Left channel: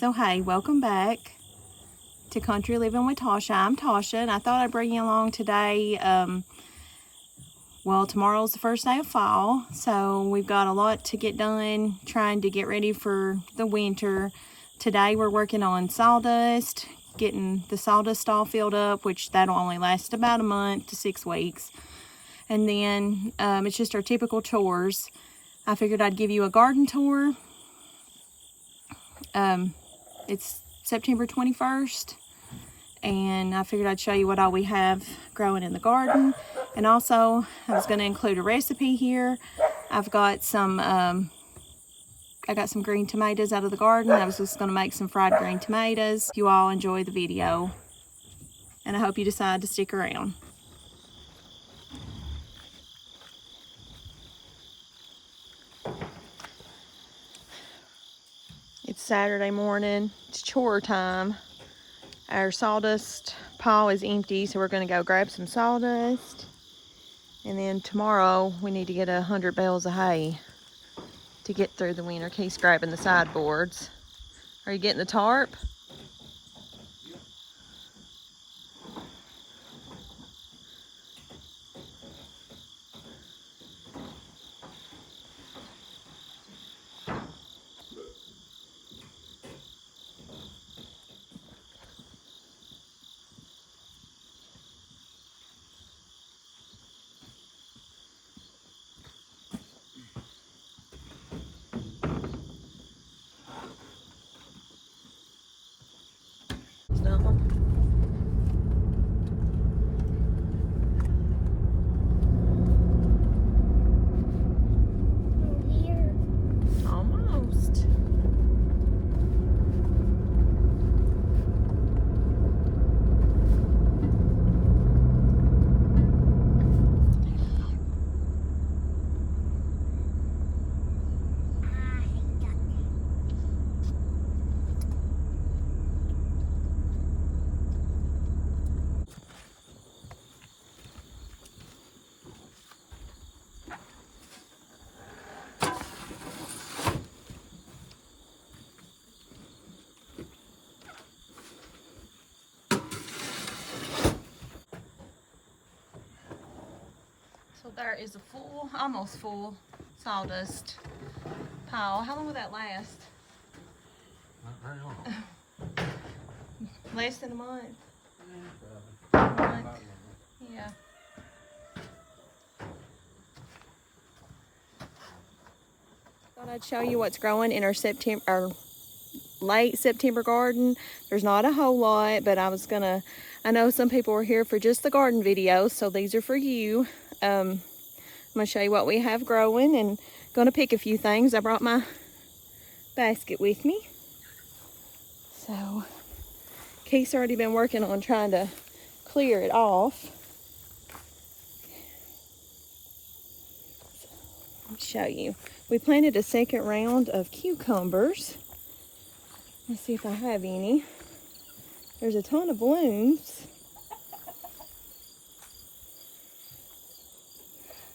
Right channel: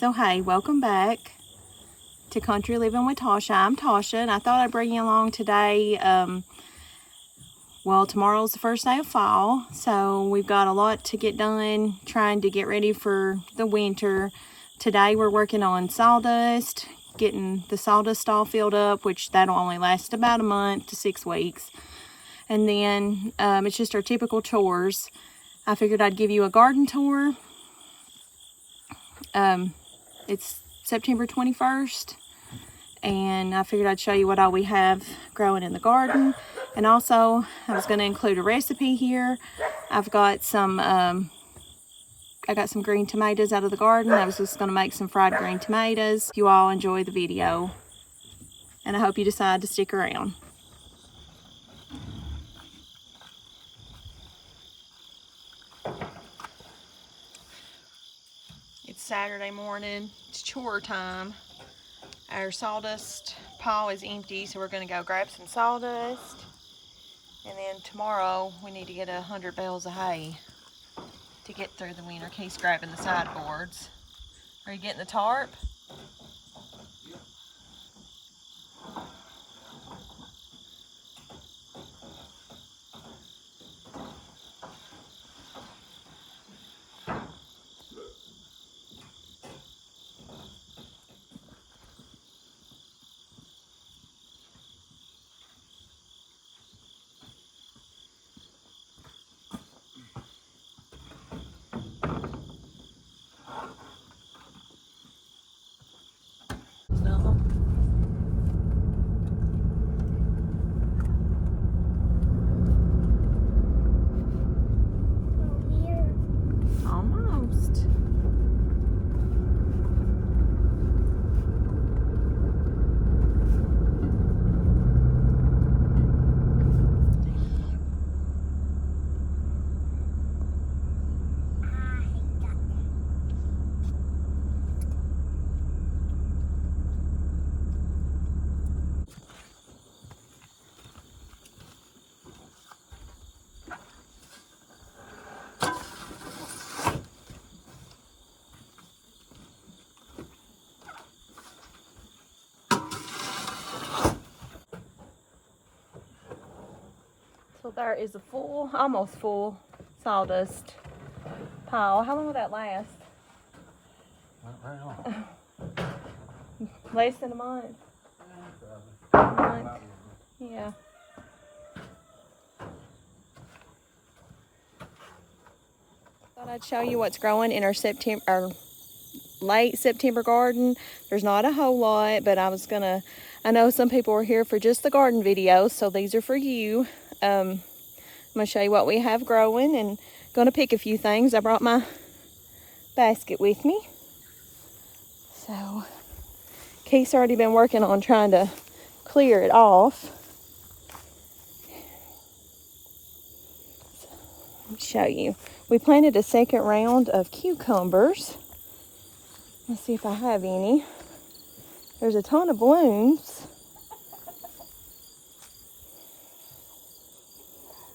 So hey, welcome back to Country Living with Tasha. I'm Tasha, and I thought I'd bring you along today. Well, tomorrow's the first day of fall, so we've got a lot to get done, trying to get ready for the winter. Today we're working on sawdust, getting the sawdust all filled up, which that'll only last about a month to 6 weeks. And then it's just our typical chores. I figured I'd give you a garden tour. It's September 21st, and I figured I'd show you what all we have growing in the garden. And also, I was going to include a recipe here. I've got some, I got some green tomatoes out of the garden. I was just going to make some fried green tomatoes. You all enjoy the video, and I hope you decide to stick around. It's Saturday morning. It's chore time. Our sawdust pile is empty, so we're going to go grab some sawdust. And then tomorrow we need to get 100 bales of hay to get through the winter. Keith's grabbing the sideboards. Are you getting the tarp? Almost. So there is a full, almost full sawdust pile. How long will that last? Not very long. Less than a month? A month? Yeah. Thought I'd show you what's growing in our late September garden. There's not a whole lot, but I know some people are here for just the garden videos, so these are for you. I'm gonna show you what we have growing and gonna pick a few things. I brought my basket with me. So Keith's already been working on trying to clear it off. Let me show you. We planted a second round of cucumbers. Let's see if I have any. There's a ton of blooms.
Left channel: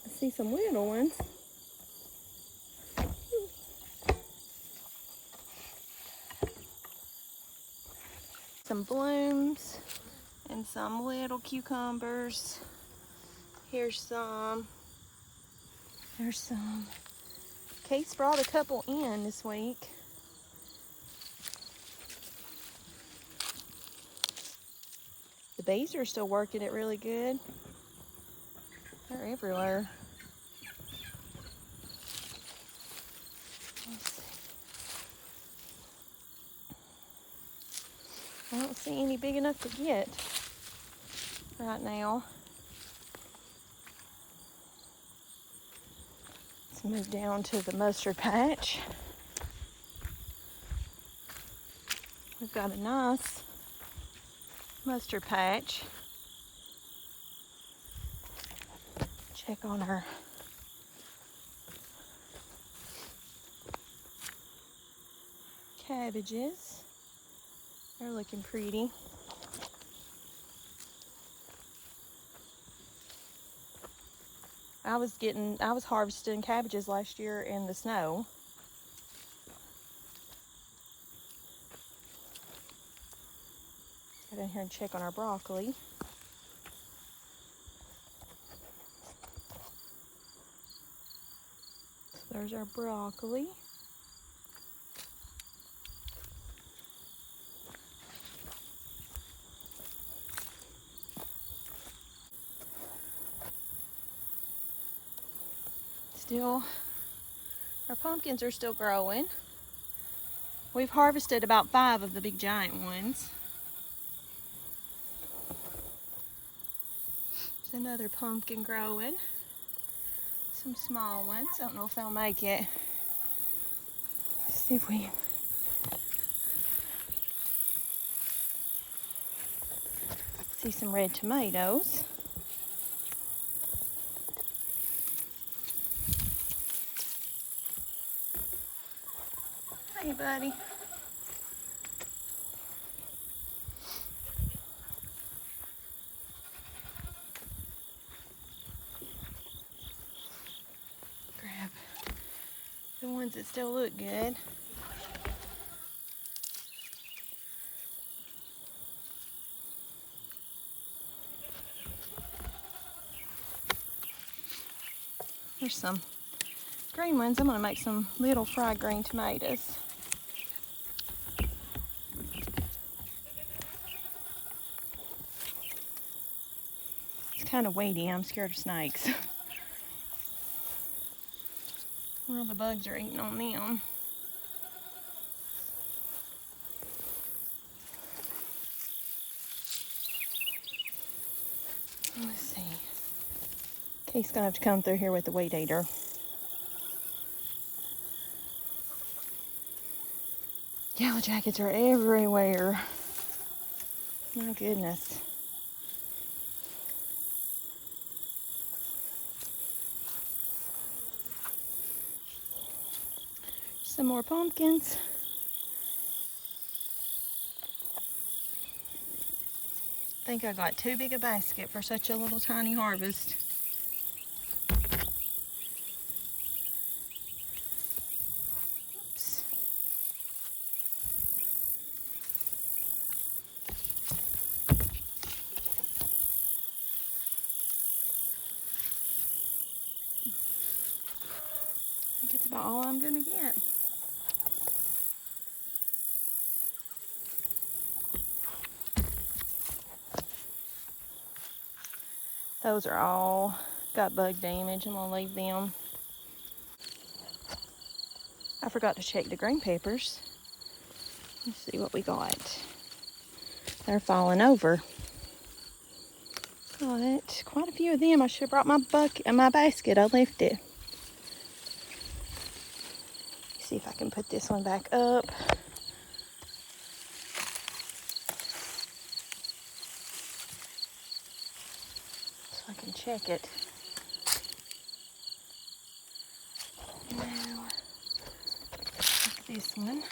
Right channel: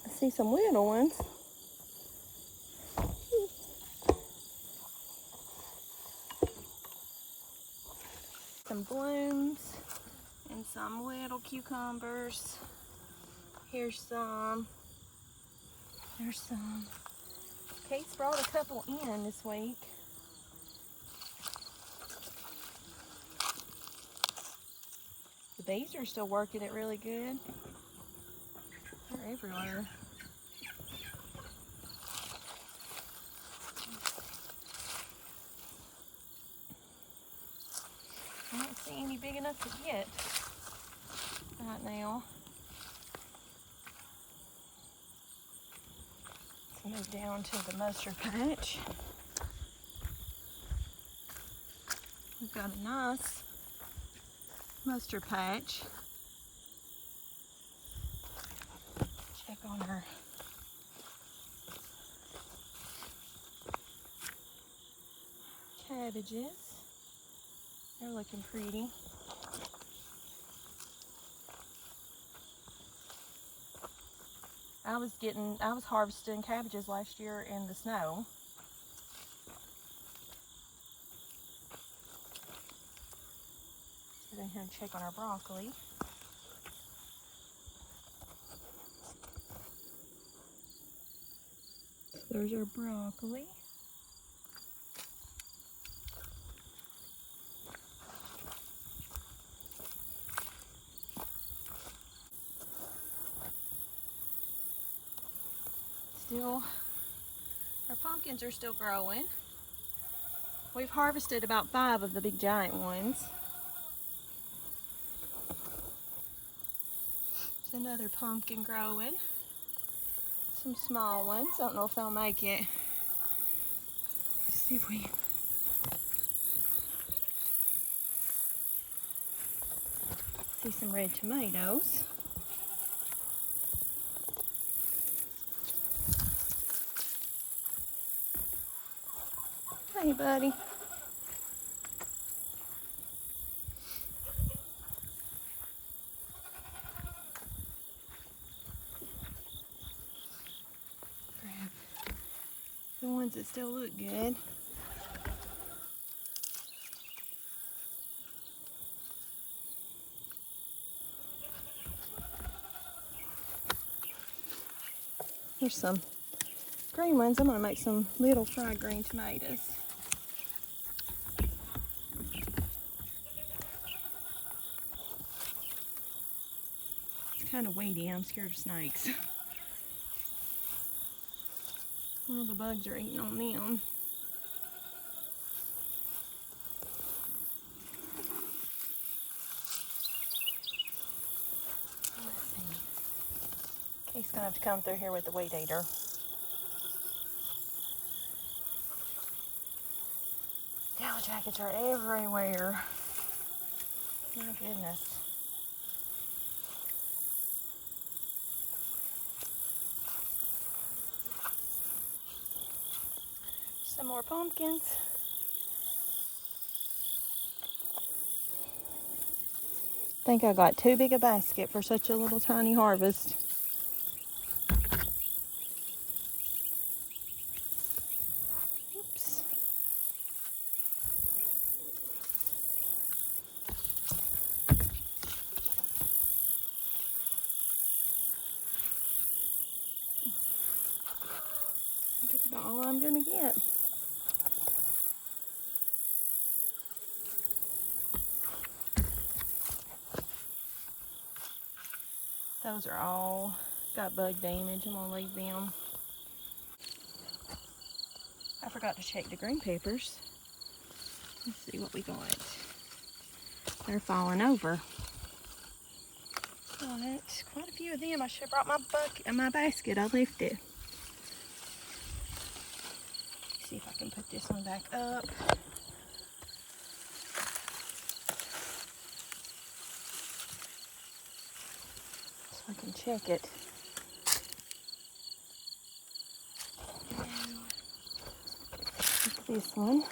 I see some little ones. Some blooms and some little cucumbers. Here's some. There's some. Kate's brought a couple in this week. The bees are still working it really good. They're everywhere. I don't see any big enough to get right now. Let's move down to the mustard patch. We've got a nice mustard patch. Check on her cabbages. They're looking pretty. I was harvesting cabbages last year in the snow. Get in here and check on our broccoli. So there's our broccoli. Still, our pumpkins are still growing. We've harvested about 5 of the big giant ones. There's another pumpkin growing. Some small ones. I don't know if they'll make it. Let's see if we see some red tomatoes. Hey, buddy. Grab the ones that still look good. There's some green ones. I'm gonna make some little fried green tomatoes. It's kind of weighty. I'm scared of snakes. Well, the bugs are eating on them. Let's see. Kate's gonna have to come through here with the weed eater. Yellow jackets are everywhere. My goodness. Some more pumpkins. I think I got too big a basket for such a little tiny harvest. Oops. I think it's about all I'm gonna get. Those are all got bug damage. I'm gonna leave them. I forgot to check the green peppers. Let's see what we got. They're falling over. Got quite a few of them. I should have brought my bucket and my basket. I left it. See if I can put this one back up. I can check it. Now, look at this one.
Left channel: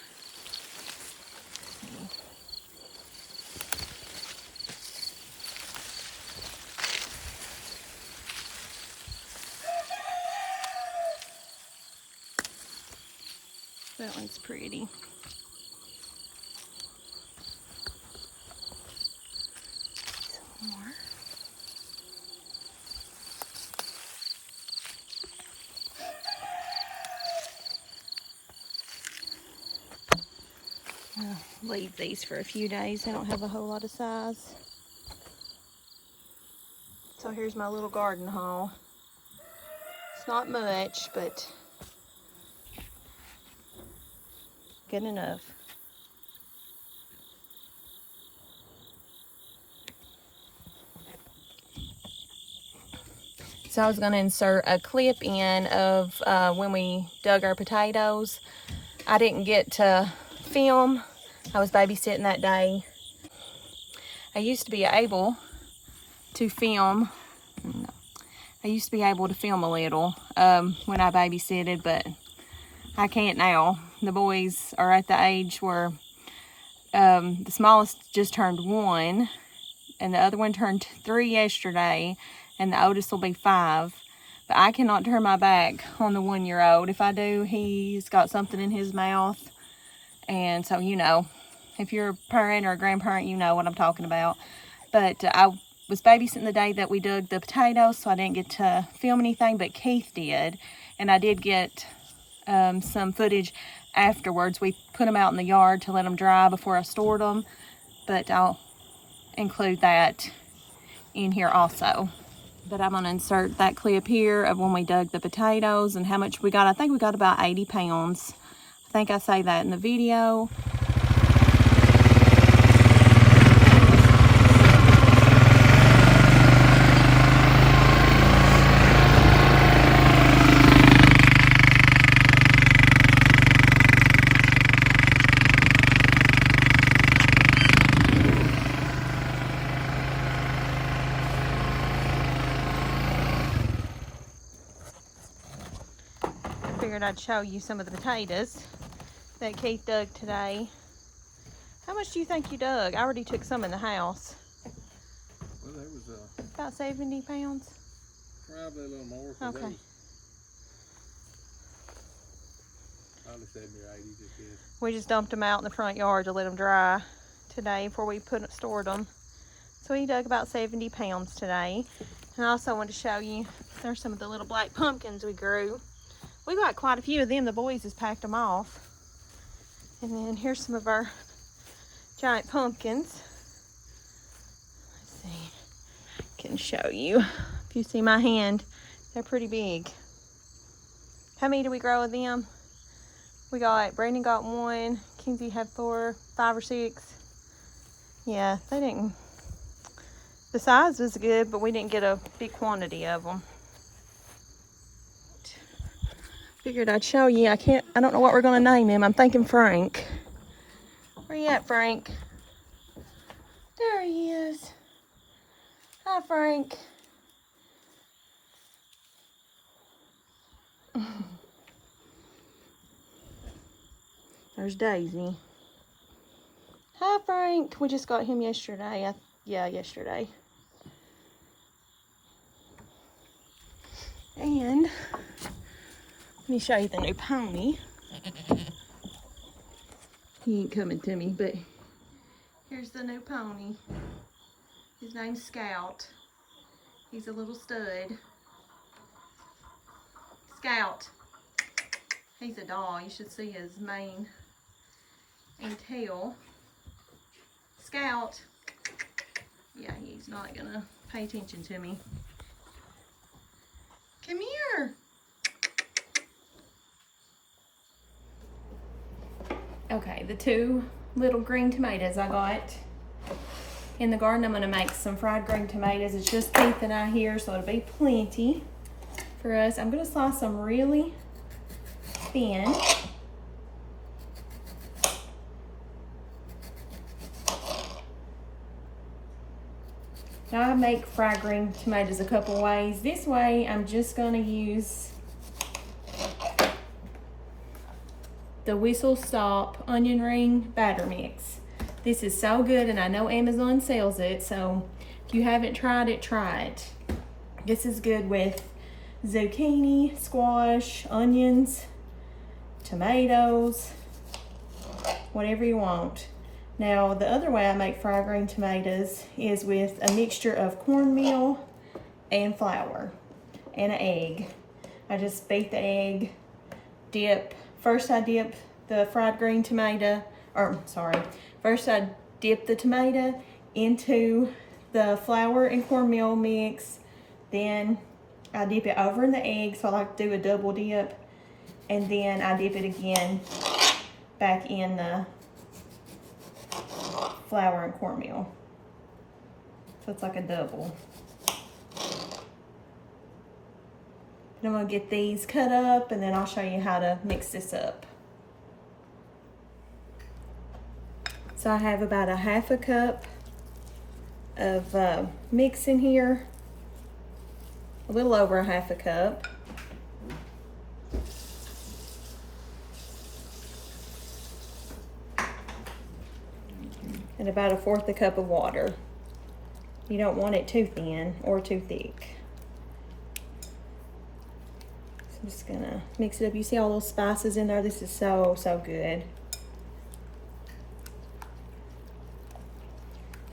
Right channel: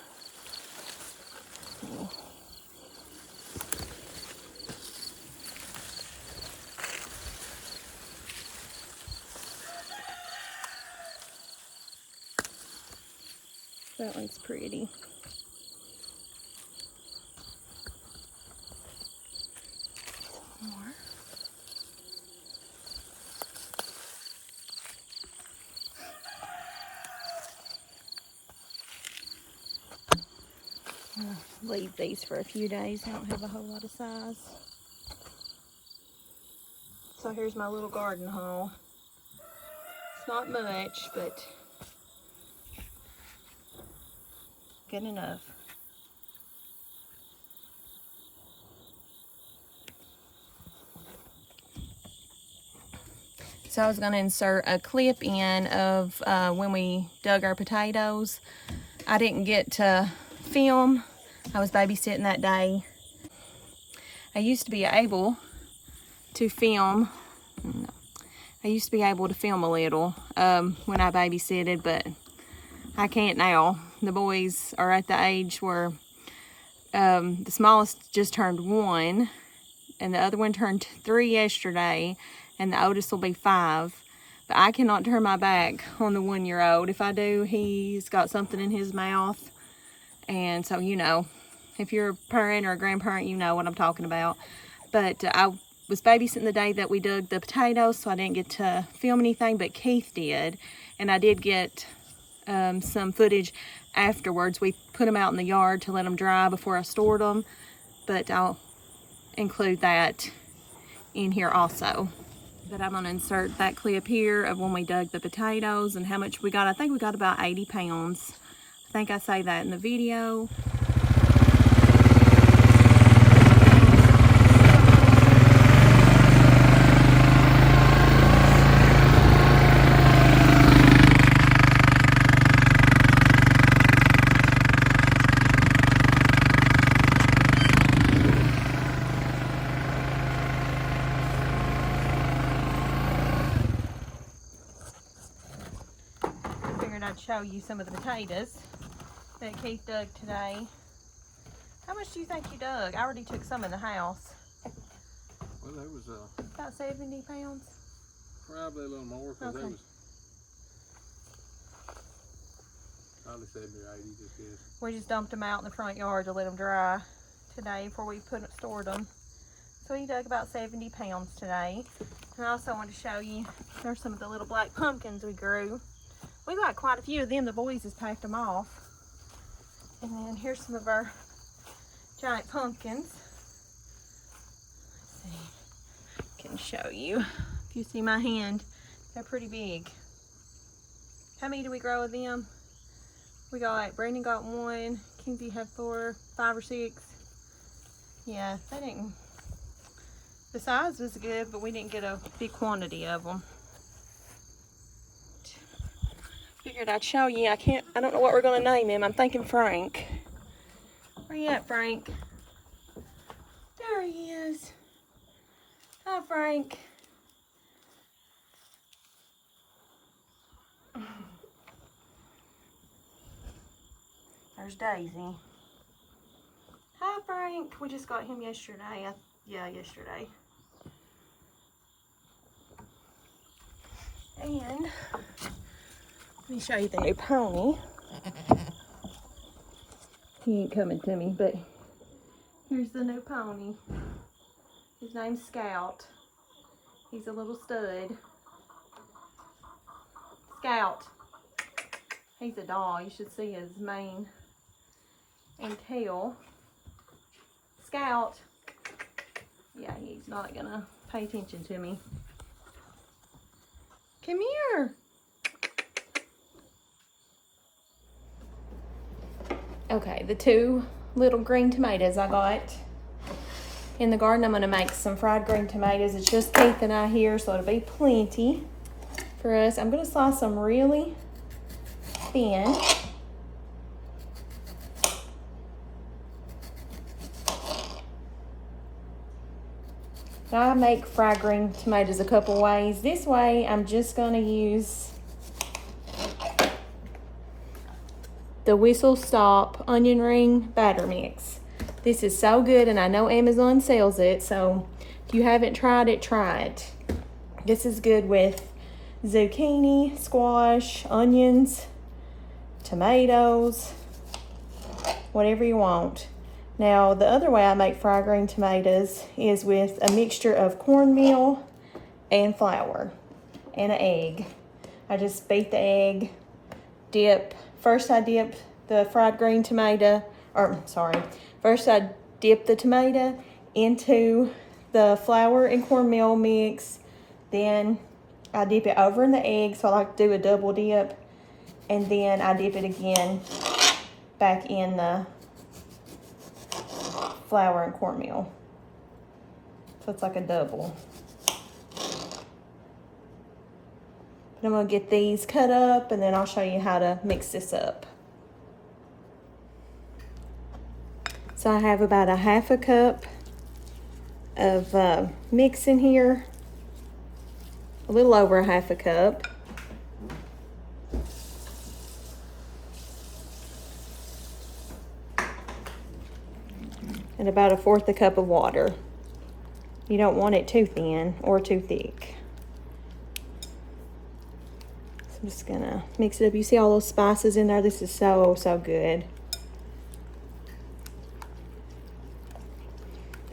That one's pretty. Some more. I'll leave these for a few days. They don't have a whole lot of size. So here's my little garden haul. It's not much, but good enough. So I was going to insert a clip in of when we dug our potatoes. I didn't get to film. I was babysitting that day. I used to be able to film. I used to be able to film a little when I babysitted, but I can't now. The boys are at the age where the smallest just turned 1 and the other one turned 3 yesterday, and the oldest will be 5. But I cannot turn my back on the 1-year-old. If I do, he's got something in his mouth. And so, you know, If you're a parent or a grandparent, you know what I'm talking about. But I was babysitting the day that we dug the potatoes, so I didn't get to film anything, but Keith did. And I did get some footage afterwards. We put them out in the yard to let them dry before I stored them, but I'll include that in here also. But I'm going to insert that clip here of when we dug the potatoes and how much we got. I think we got about 80 pounds. I think I say that in the video. I'd show you some of the potatoes that Keith dug today. How much do you think you dug? I already took some in the house. Well, there was about 70 pounds. Probably a little more. Okay. There was probably 70 or 80 just yet. We just dumped them out in the front yard to let them dry today before we stored them. So he dug about 70 pounds today. And I also want to show you, there's some of the little black pumpkins we grew. We got quite a few of them. The boys just packed them off. And then here's some of our giant pumpkins. Let's see, I can show you. If you see my hand, they're pretty big. How many do we grow of them? Brandon got one, Kinsey had 4, 5 or 6. Yeah, they didn't, the size was good, but we didn't get a big quantity of them. Figured I'd show you. I don't know what we're gonna name him. I'm thinking Frank. Where you at, Frank? There he is. Hi, Frank. There's Daisy. Hi, Frank. We just got him yesterday. Yeah, yesterday. And let me show you the new pony. He ain't coming to me, but here's the new pony. His name's Scout. He's a little stud. Scout. He's a dog. You should see his mane and tail. Scout. Yeah, he's not gonna pay attention to me. Come here. Okay, the 2 little green tomatoes I got in the garden, I'm gonna make some fried green tomatoes. It's just Keith and I here, so it'll be plenty for us. I'm gonna slice them really thin. Now I make fried green tomatoes a couple ways. This way, I'm just gonna use the Whistle Stop onion ring batter mix. This is so good, and I know Amazon sells it, so if you haven't tried it, try it. This is good with zucchini, squash, onions, tomatoes, whatever you want. Now, the other way I make fried green tomatoes is with a mixture of cornmeal and flour and an egg. I just beat the egg, first I dip the fried green tomato, first I dip the tomato into the flour and cornmeal mix, then I dip it over in the egg, so I like to do a double dip, and then I dip it again back in the flour and cornmeal. So it's like a double. I'm gonna get these cut up, and then I'll show you how to mix this up. So I have about a 1/2 cup of mix in here, a little over a 1/2 cup. And about a 1/4 cup of water. You don't want it too thin or too thick. So I'm just gonna mix it up. You see all those spices in there? This is so, so good.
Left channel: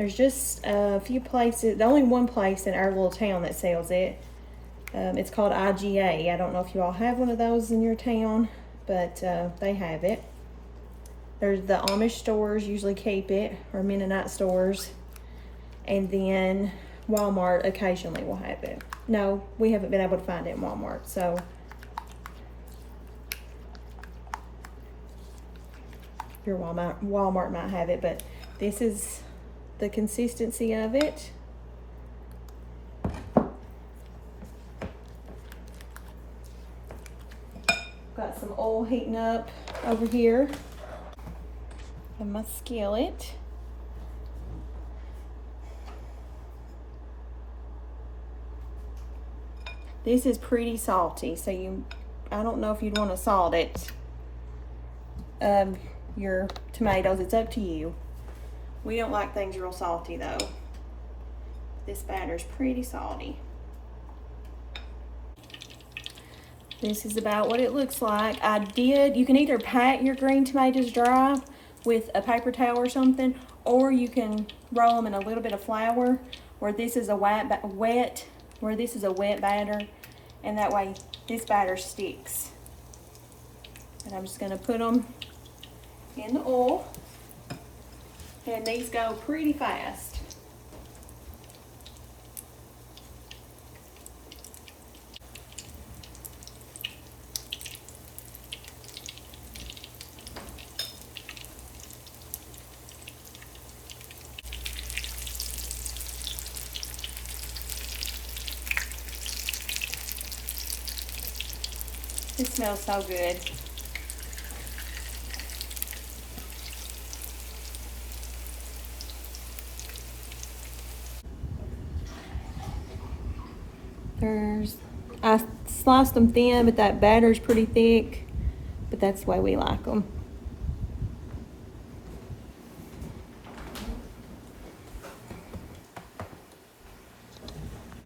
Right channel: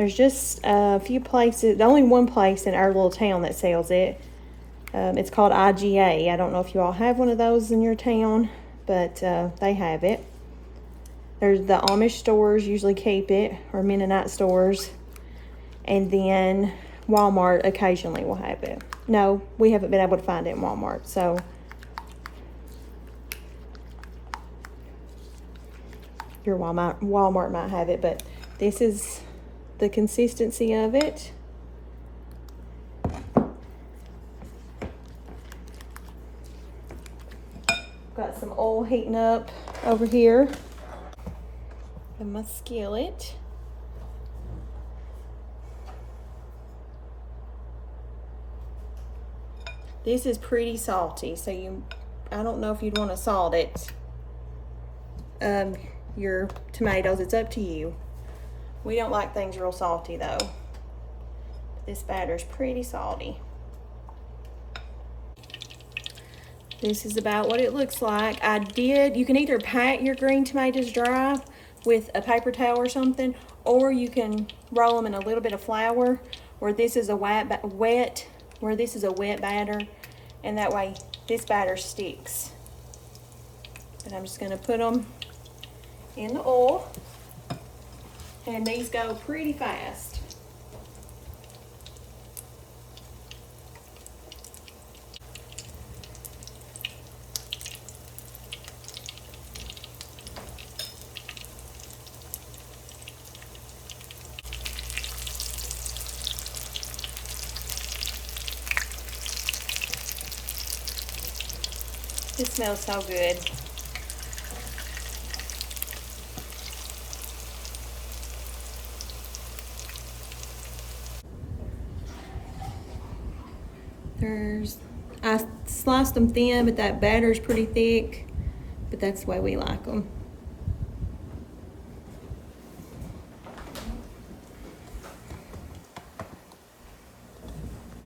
There's just a few places, the only one place in our little town that sells it. It's called IGA. I don't know if you all have one of those in your town, but they have it. There's the Amish stores usually keep it, or Mennonite stores. And then Walmart occasionally will have it. No, we haven't been able to find it in Walmart, so. Your Walmart might have it, but this is the consistency of it. Got some oil heating up over here in my skillet. This is pretty salty, so I don't know if you'd want to salt it. Your tomatoes, it's up to you. We don't like things real salty though. This batter's pretty salty. This is about what it looks like. You can either pat your green tomatoes dry with a paper towel or something, or you can roll them in a little bit of flour where this is a wet batter, and that way this batter sticks. But I'm just gonna put them in the oil, and these go pretty fast. It smells so good. I sliced them thin, but that batter's pretty thick, but that's the way we like them.